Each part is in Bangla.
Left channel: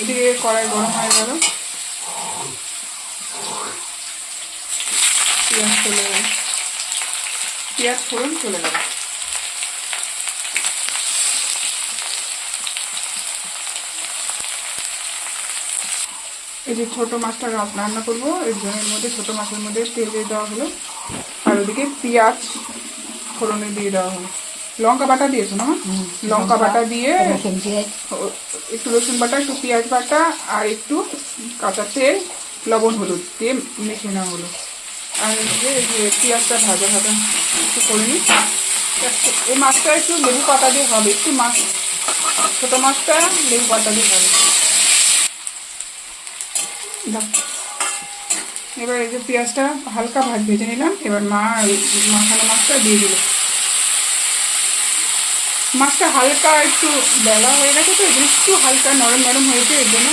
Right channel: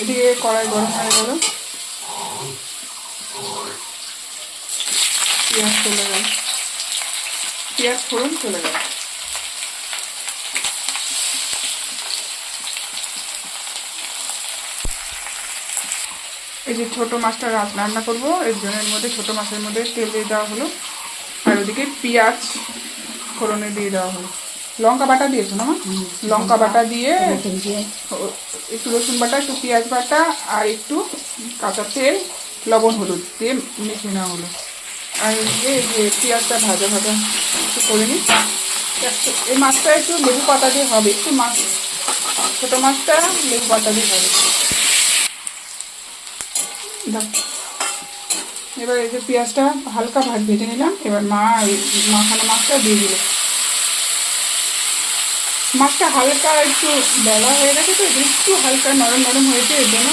এদিকে কড়াই গরম হয়ে গেল, পেঁয়াজ চলে গেল, পেঁয়াজ ফোড়ন চলে গেল। এই যে ছোট মাছটা রান্না করবো, এর জন্য এর মধ্যে ছোট মাছের মধ্যে তেল দিয়ে দেওয়া হলো, আর ওদিকে পেঁয়াজ ফোড়নে দিয়ে দেওয়া হলো। লঙ্কা বাটা দিয়েছো না মা? লঙ্কা বাটা দিয়ে একটু রসুন বাটা, একটু পেঁয়াজ বাটা আর একটু কাঁচা তেল, লবণ, হলুদ দিয়ে মেখে নেওয়া হলো। আর যে পেঁয়াজটা ভাজা ভাজা একটু করে নিই। এই মাছটা একটু লেবু পাতা দিয়ে হবে, একটু মাছ ছোটো মাছটা লেবু পাতা দিয়ে হবে। এবার এই যে পেঁয়াজটা হালকা ভেজে নিলাম, এবার মাখানো মাছটা দিয়ে দিল। মাছটা হালকা একটু বেলা হয়ে গেছে, তো এগুলো একটু হালকা নরম নরম হয়েছে, এর জন্য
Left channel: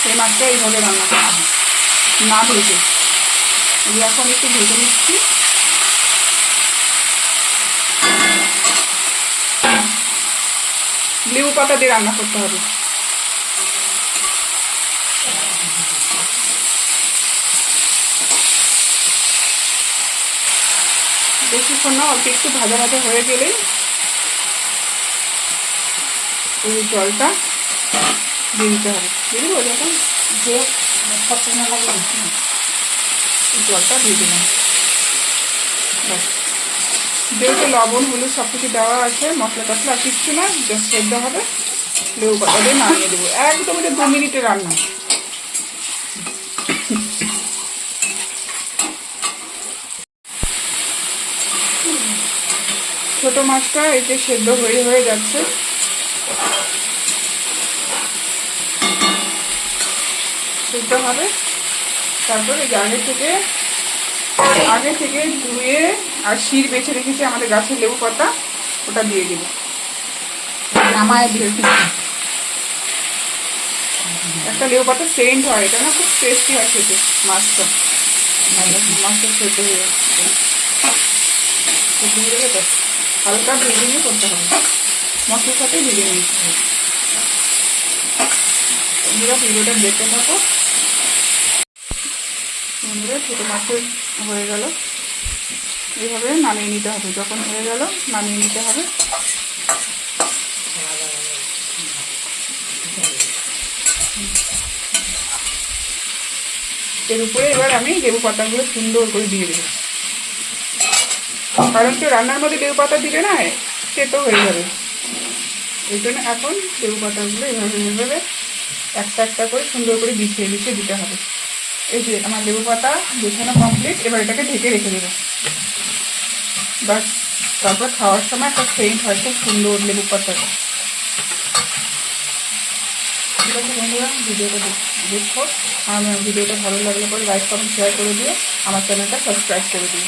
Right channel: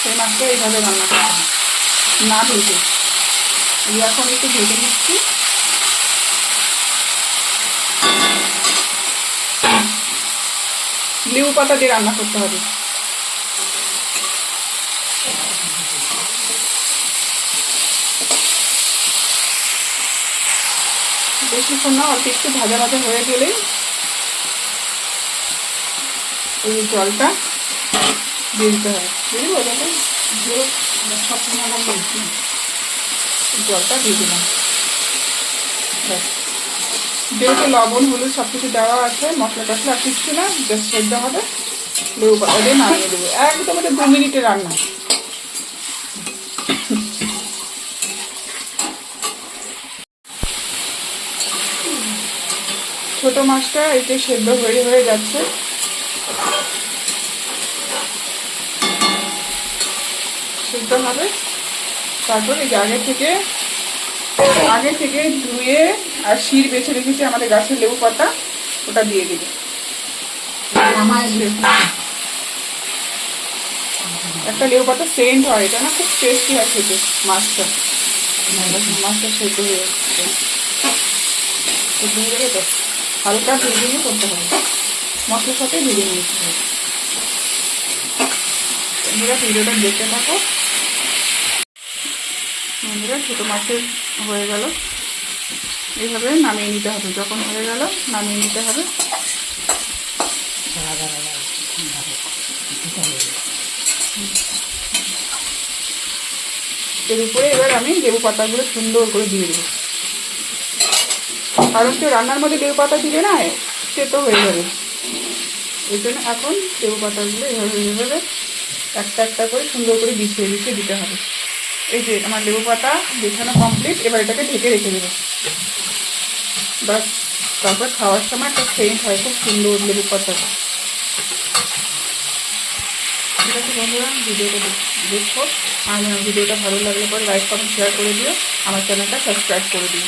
সেই মাছটা এইভাবে রান্না করতে হবে, না ভেজে। এখন একটু ভেজে নিচ্ছি। লেবু পাতা দিয়ে রান্না করতে হবে। বেশিক্ষণ না, অল্প একটু ভাজা ভাজা হয়ে গেলেই এই জলটা দিয়ে দিতে হবে। দিয়ে দেবো জলটা দিয়ে দিলাম। ব্যাস, যেহেতু লবণ হলুদ সব কিছু দেওয়া আছে, মশলা টশলা আর কিচ্ছু না, জাস্ট সেদ্ধ হবে, লেবু পাতা দিয়ে নামিয়ে দেবো। একদম এটা 2 মিনিটের রান্না। ছোট মাছটা এই যে সেদ্ধ হয়ে যাচ্ছে, সেদ্ধ হবে। তারপর এই আগে থেকে ধুয়ে আর শির বেছে রেখেছি আমাদের গাছের লেবু পাতা, ওটা দিয়ে দিব। একটা লেবু পাতা সেন্ট হয়, এটা না খুব টেস্টি হয় খেতে। মাছটা সেদ্ধ হয়ে যাচ্ছে, সেদ্ধ হয়ে গেলে তো হালকা ভেজে নিয়ে করতে হবে, মশলার সাথে ভেজে নিতে হবে। বন্ধুরা ভিডিওটা দেখতে থাকো। বন্ধুরা ছোটো মাছের হয়ে গেল, এইভাবে নামিয়ে নিতে হবে। যখন হয়ে গেল নামিয়ে নিতে হবে। এর উপরে এবার আমি লেবু পাতাগুলো সুন্দর করে দিয়ে দেবো, কারণ কেউ রান্নার মধ্যে লেবু পাতা দিলে না তেতো হয়ে যাবে। এই জন্য এখন লেবু পাতাগুলো এভাবে একটা একটা করে সুন্দর করে বিছিয়ে দিতে হবে। এই যে আমার লেবু পাতা বিছানো কমপ্লিট। এবার এটাকে ঢেকে রেখে দেবো, বাস। তারপর খাওয়ার সময় একটা সেন্ট হয় খুব সুন্দর লেবু পাতার। ঠিক আছে বন্ধুরা, ভিডিওটা দেখো। আর ভিডিওটা ভালো লাগলে পরে লাইক কমেন্ট শেয়ার করে দিও, আমার চ্যানেলটা সাবস্ক্রাইব করে দিও।